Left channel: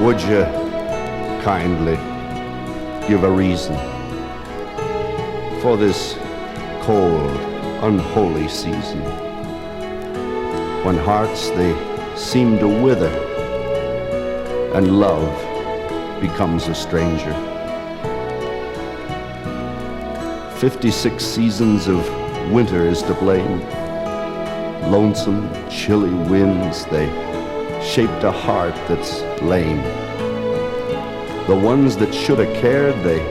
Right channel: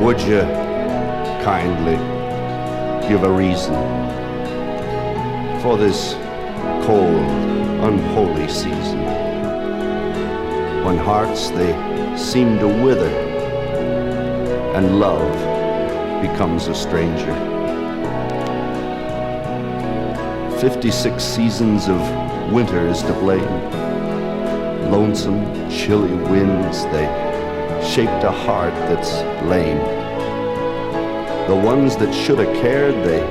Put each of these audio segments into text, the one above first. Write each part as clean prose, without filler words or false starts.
Would you kindly give a reason for this cold, unholy season, when hearts they seem to wither and love becomes a stranger? 56 seasons of winter is to blame. Lonesome, chilly winds, they shaped a heart that's lame. The ones that should have cared, they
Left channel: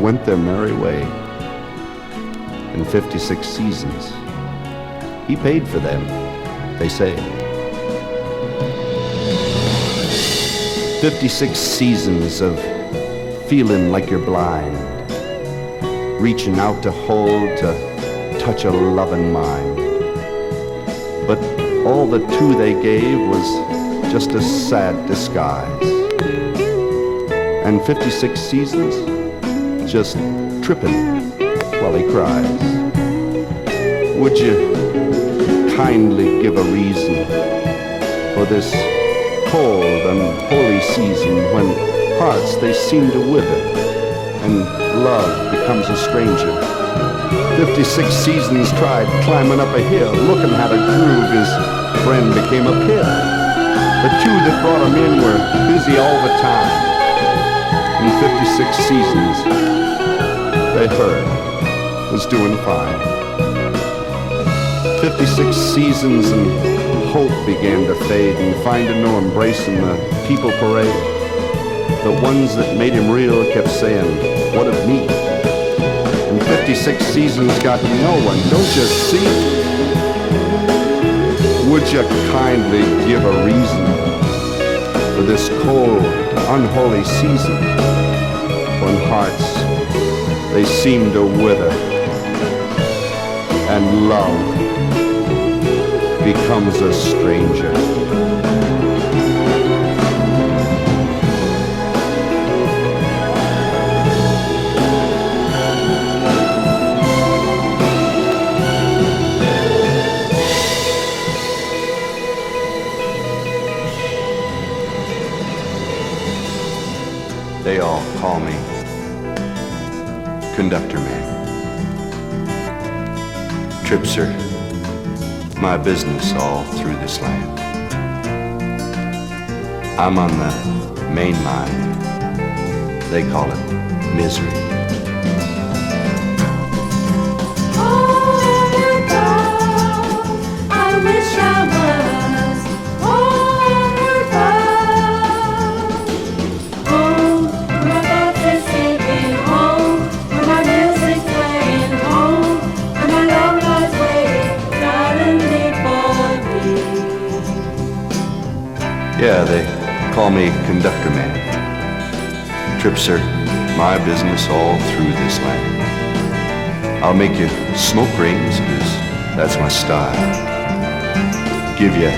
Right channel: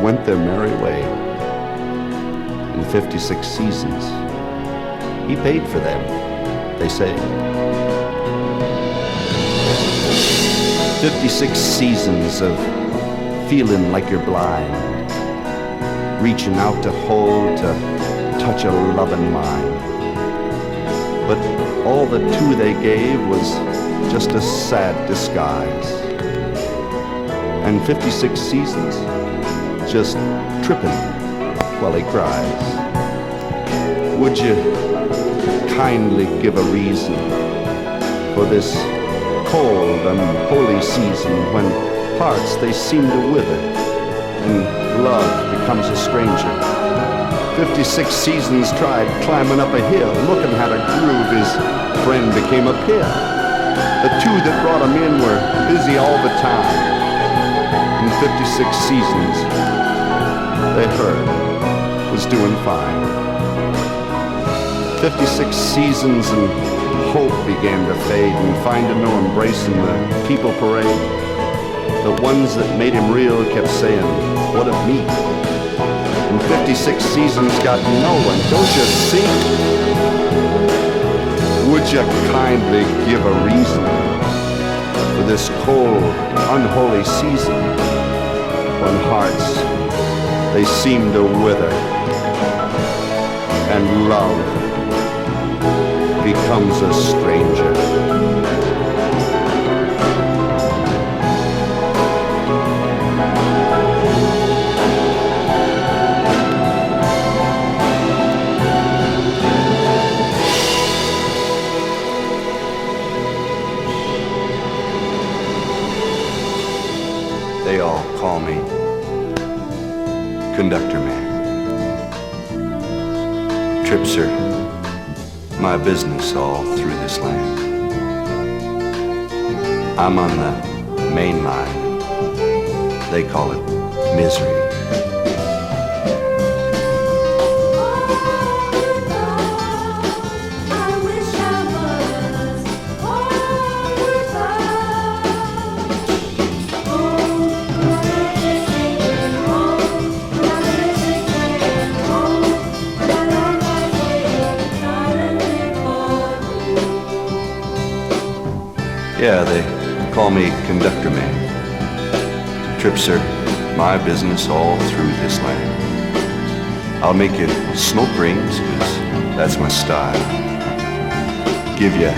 went their merry way. In 56 seasons, he paid for them, they say. 56 seasons of feeling like you're blind, reaching out to hold, to touch a loving mind. But all the two they gave was just a sad disguise. And 56 seasons just tripping while he cries. Would you kindly give a reason for this cold, unholy season, when hearts they seem to wither and love becomes a stranger? 56 seasons tried climbing up a hill, looking how to groove, his friend became a pill. The two that brought him in were busy all the time. In 56 seasons, they heard was doing fine. 56 seasons and hope began to fade, and finding no embrace in the people parade. The ones that made him real kept saying, what of me? And 56 seasons got no one, don't you see? Would you kindly give a reason for this cold, unholy season, when hearts, they seem to wither and love becomes a stranger? They all call me Conductor Man. Trips are my business all through this land. I'm on the main line. They call it misery. Yeah, they call me Conductor Man. Trips are my business all through this land. I'll make you smoke rings, 'cause that's my style. Give you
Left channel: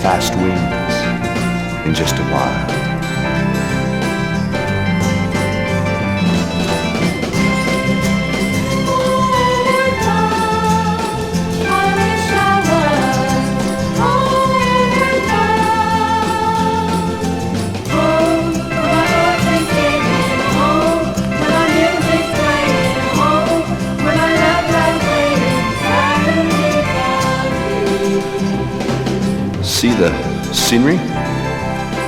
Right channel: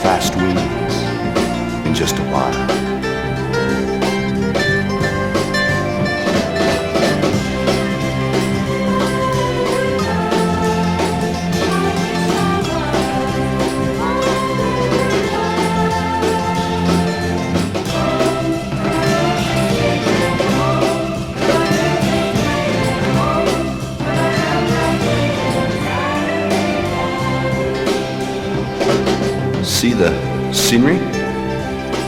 fast wings in just a while. See the scenery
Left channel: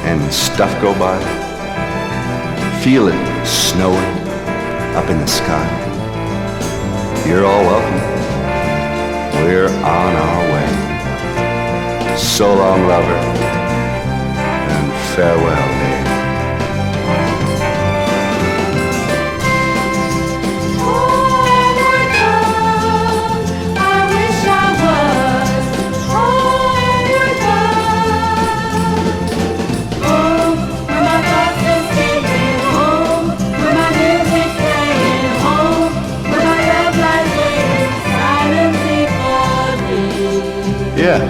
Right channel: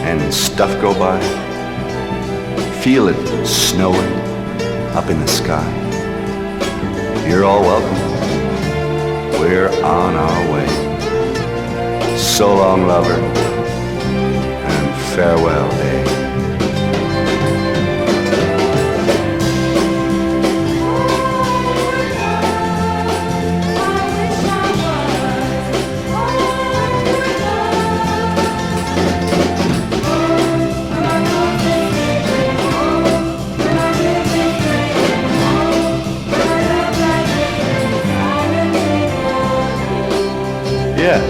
and stuff go by. Feel it snowing up in the sky. You're all welcome. We're on our way. So long, lover, and farewell, babe. Yeah,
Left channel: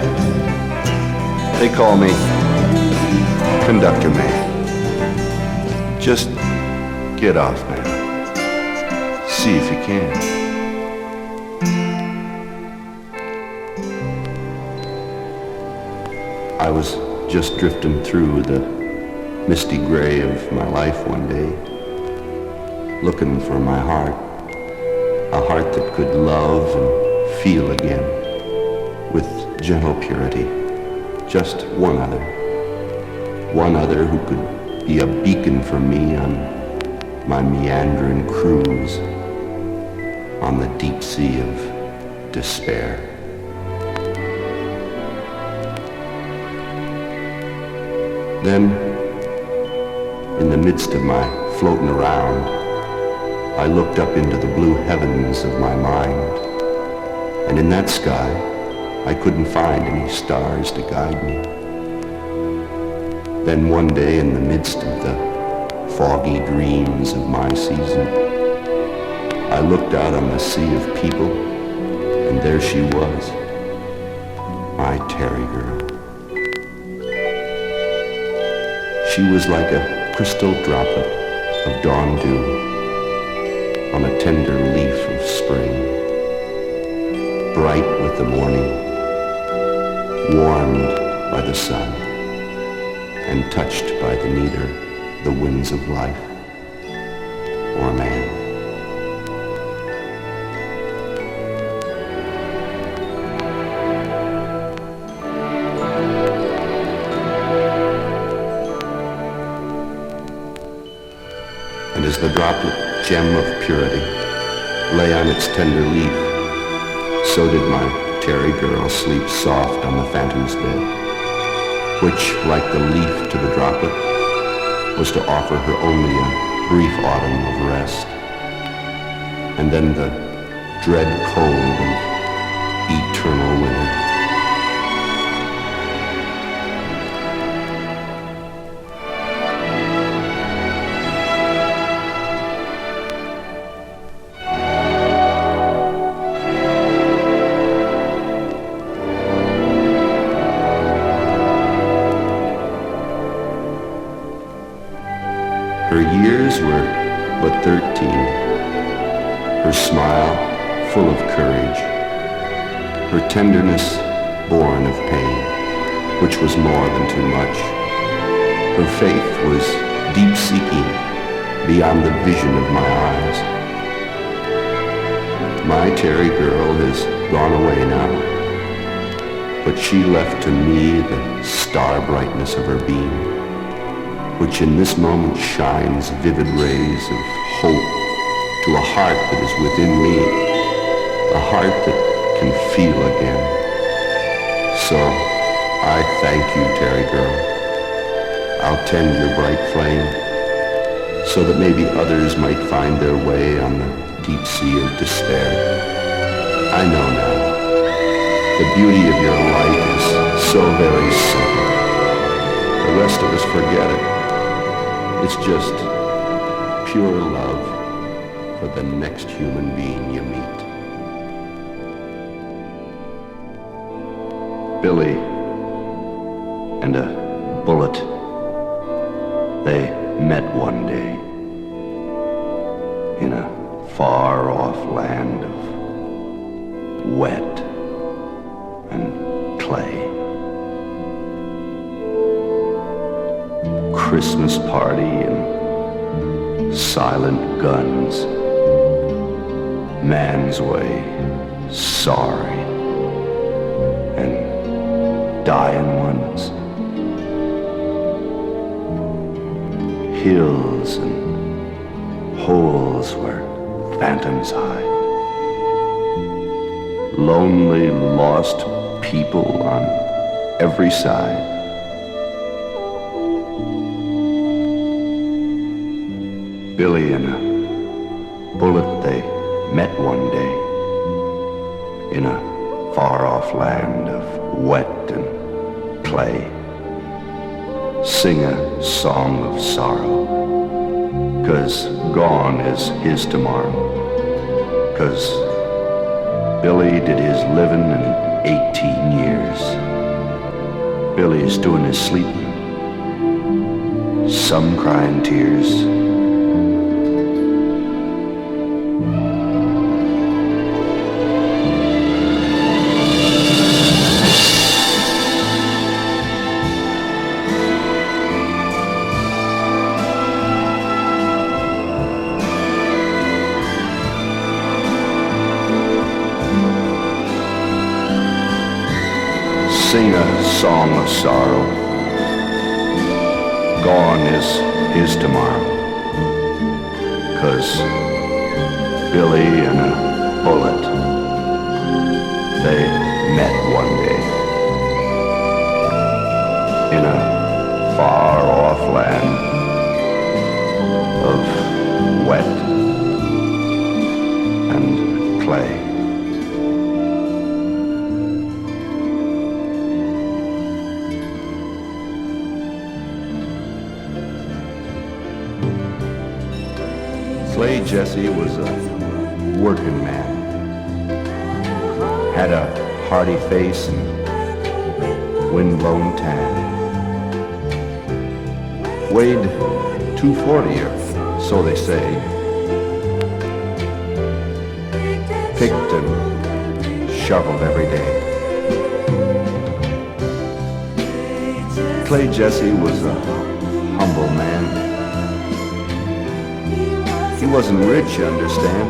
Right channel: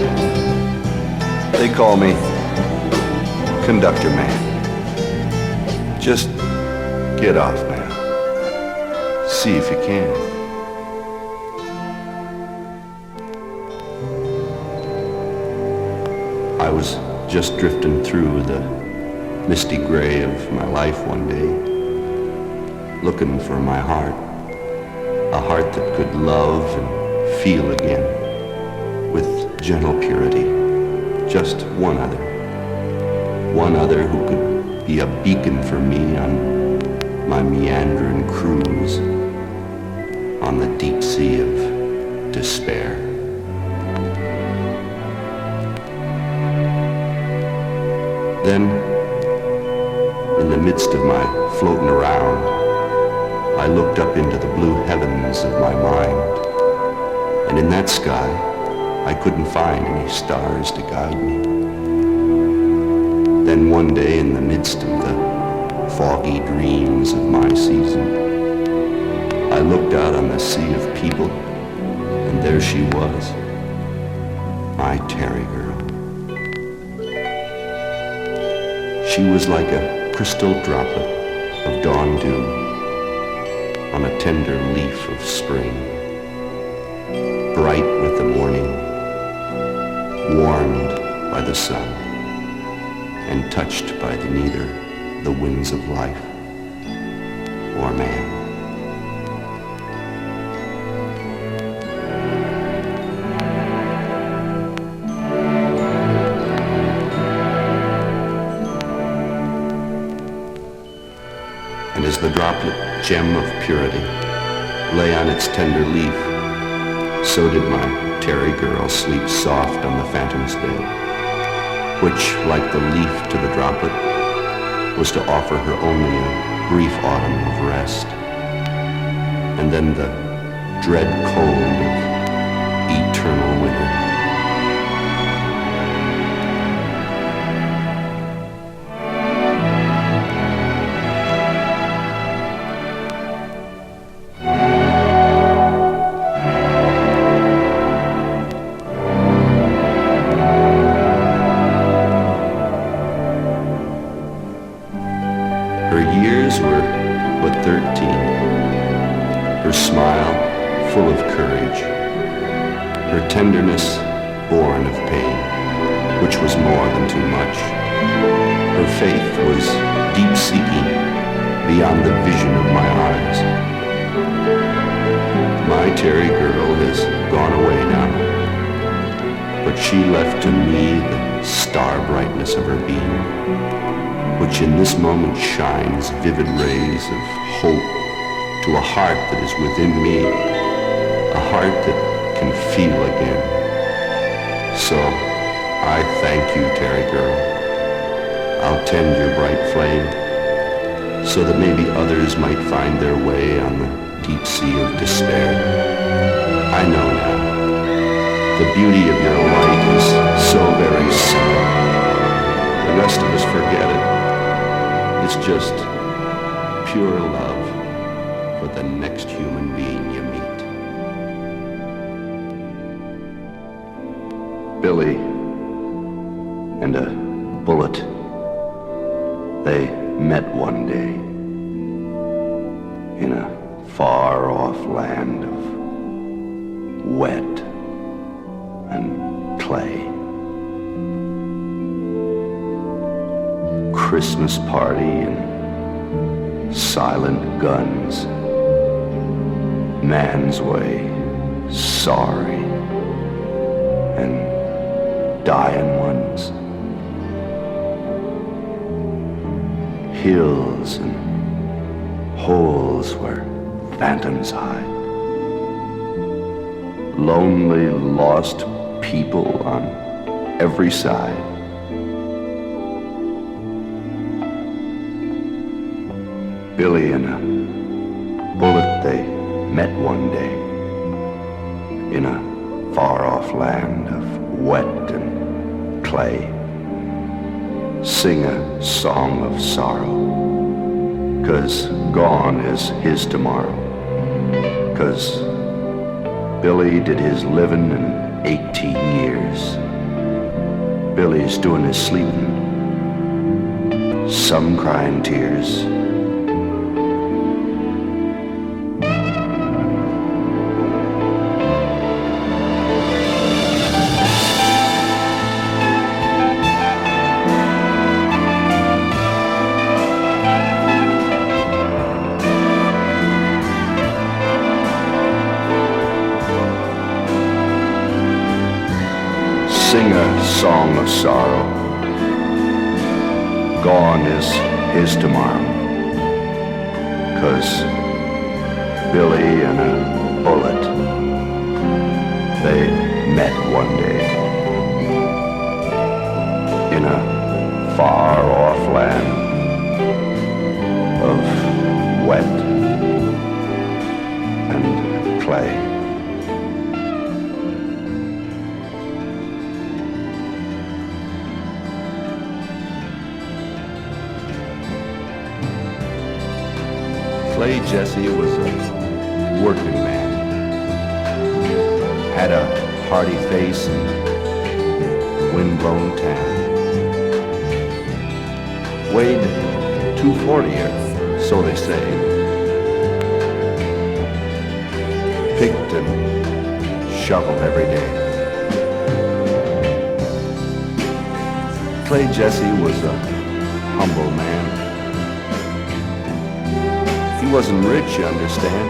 they call me Conductor Man. Just get off now. See if you can. I was just drifting through the misty gray of my life one day, looking for my heart, a heart that could love and feel again with gentle purity, just one other who could be a beacon for me on my meandering cruise on the deep sea of despair. Then, in the midst of my floating around, I looked up into the blue heavens of my mind, and in that sky, I couldn't find any stars to guide me. Then one day, in the midst of the foggy dreams of my season, I looked out on the sea of people, and there she was, my Terry girl. She was like a crystal droplet of dawn dew on a tender leaf of spring, bright with the morning, warmed by the sun, and touched by neither the winds of life or man. And as the droplet gem of purity lay on its tender leaf, so did my Terry girl sleep soft on the phantom's bed, which, like the leaf to the droplet, was to offer her only a brief autumn of rest, and then the dread cold of eternal winter. Her years were but 13, her smile full of courage, her tenderness born of pain, which was more than too much. Her faith was deep-seeking beyond the vision of my eyes. My Terry girl has gone away now, but she left to me the star brightness of her being, which in this moment shines vivid rays of hope to a heart that is within me, a heart that can feel again. So I thank you, Terry girl. I'll tend your bright flame so that maybe others might find their way on the deep sea of despair. I know now, the beauty of your light is so very simple. The rest of us forget it. It's just pure love for the next human being you meet. Billy and a bullet, they met one day in a far-off land of wet and clay. Christmas party and silent guns, man's way, sorry, and dying ones, hills and holes where phantoms hide, lonely, lost people on every side. Billy and a bullet, they met one day in a far-off land of wet and clay. Sing a song of sorrow, 'cause gone is his tomorrow, 'cause Billy did his living in 18 years. Billy's doing his sleeping, some crying tears. sing a song of sorrow. Gone is his tomorrow. 'Cause Billy and a bullet, they met one day in a far-off land of wet and clay. Clay Jesse was a working man, had a hearty face and windblown tan, weighed 240 or so they say, picked and shoveled every day. Clay Jesse was a humble man. He wasn't rich, you understand.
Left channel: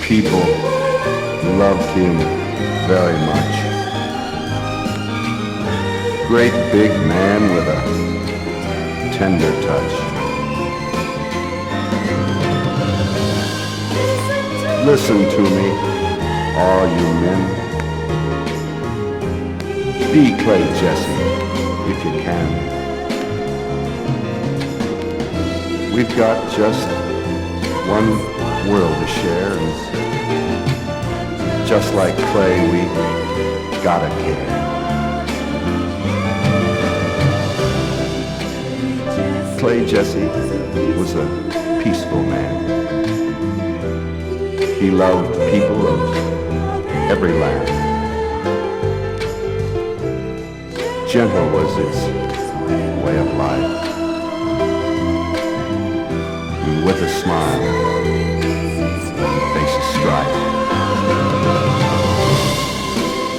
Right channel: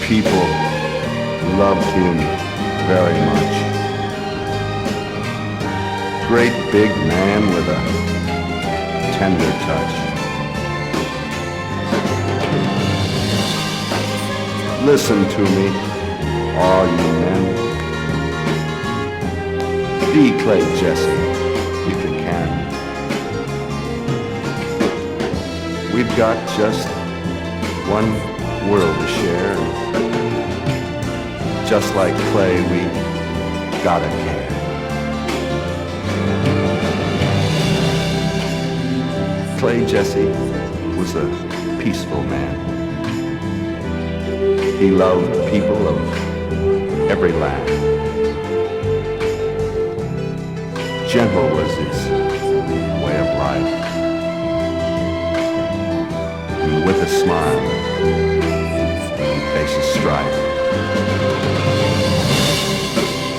People loved him very much. Great big man with a tender touch. Listen to me, all you men. Be Clay Jesse if you can. We've got just one world to share, and just like Clay, we gotta care. Clay Jesse was a peaceful man. He loved people of every land. Gentle was his way of life. And with a smile, he faces strife.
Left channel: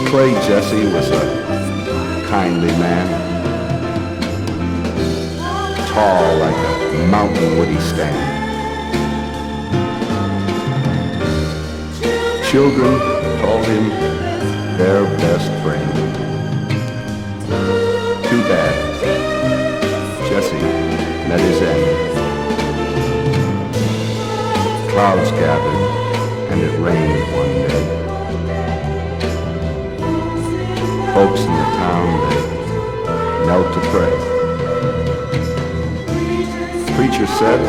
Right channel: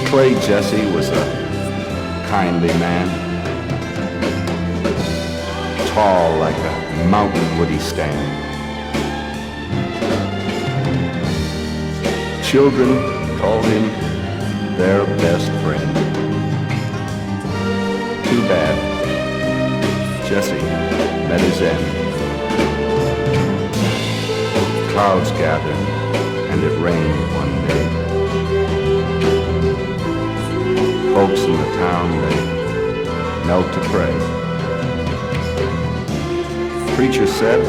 Clay Jesse was a kindly man. Tall like a mountain would he stand. Children called him their best friend. Too bad Jesse met his end. Clouds gathered and it rained one day. Folks in the town, they knelt to pray. Preacher said,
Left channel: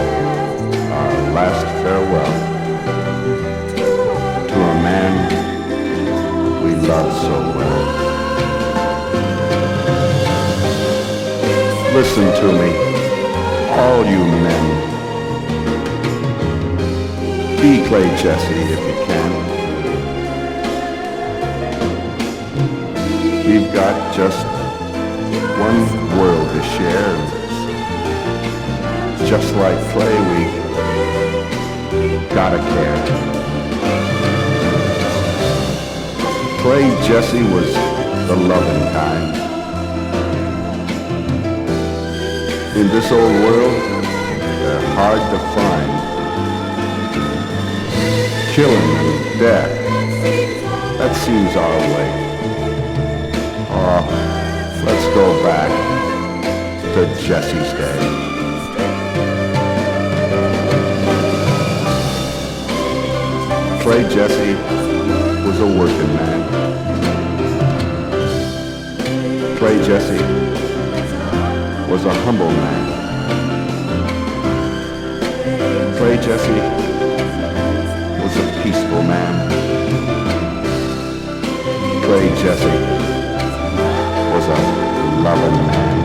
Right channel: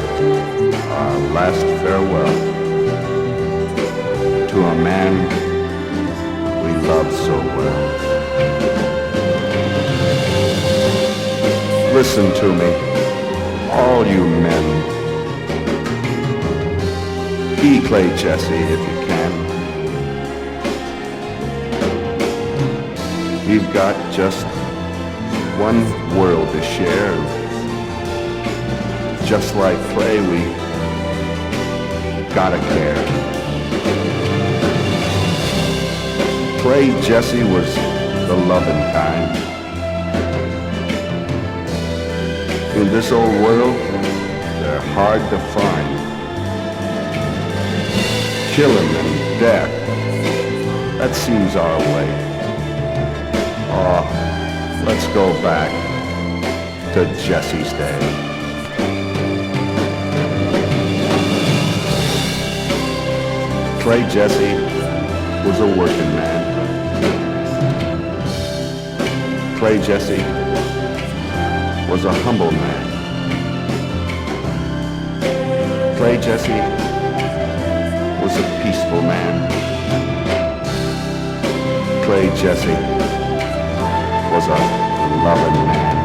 our last farewell to a man we loved so well. Listen to me, all you men. Be Clay Jesse if you can. We've got just one world to share, and just like Clay, we gotta care. Clay Jesse was the loving kind. In this old world, they're hard to find. Killing and death, that seems our way. Oh, let's go back to Jesse's day. Clay Jesse was a working man. Clay Jesse was a humble man. Clay Jesse was a peaceful man. Clay Jesse was a loving man.